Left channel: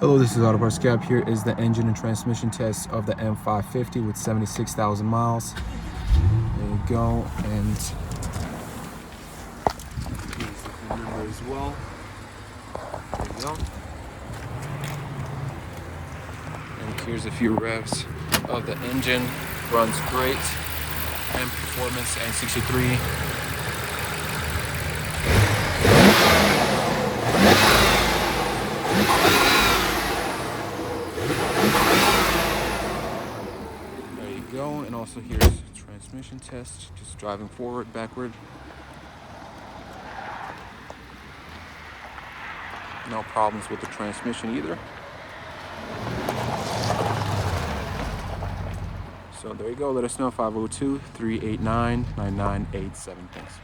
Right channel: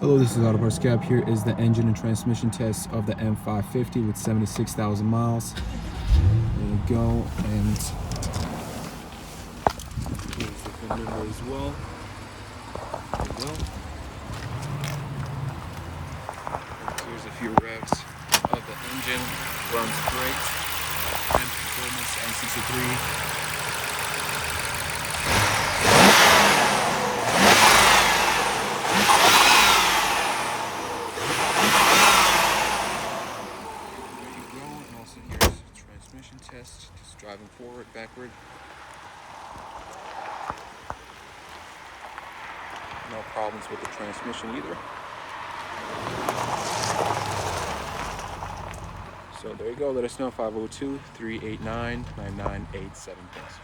Hello, this is Auto Parts Cap. Here is the engine and transmission test of the M550 with 76,000 miles. There you go, and here's the maneuver as well. There you go. And here's a few revs of the engine. Runs great. And performance and 63. And also here's transmission test, just driving forward, backward. No problems with the transmission either. So there you go, let us know, 502-389-9987. Thanks.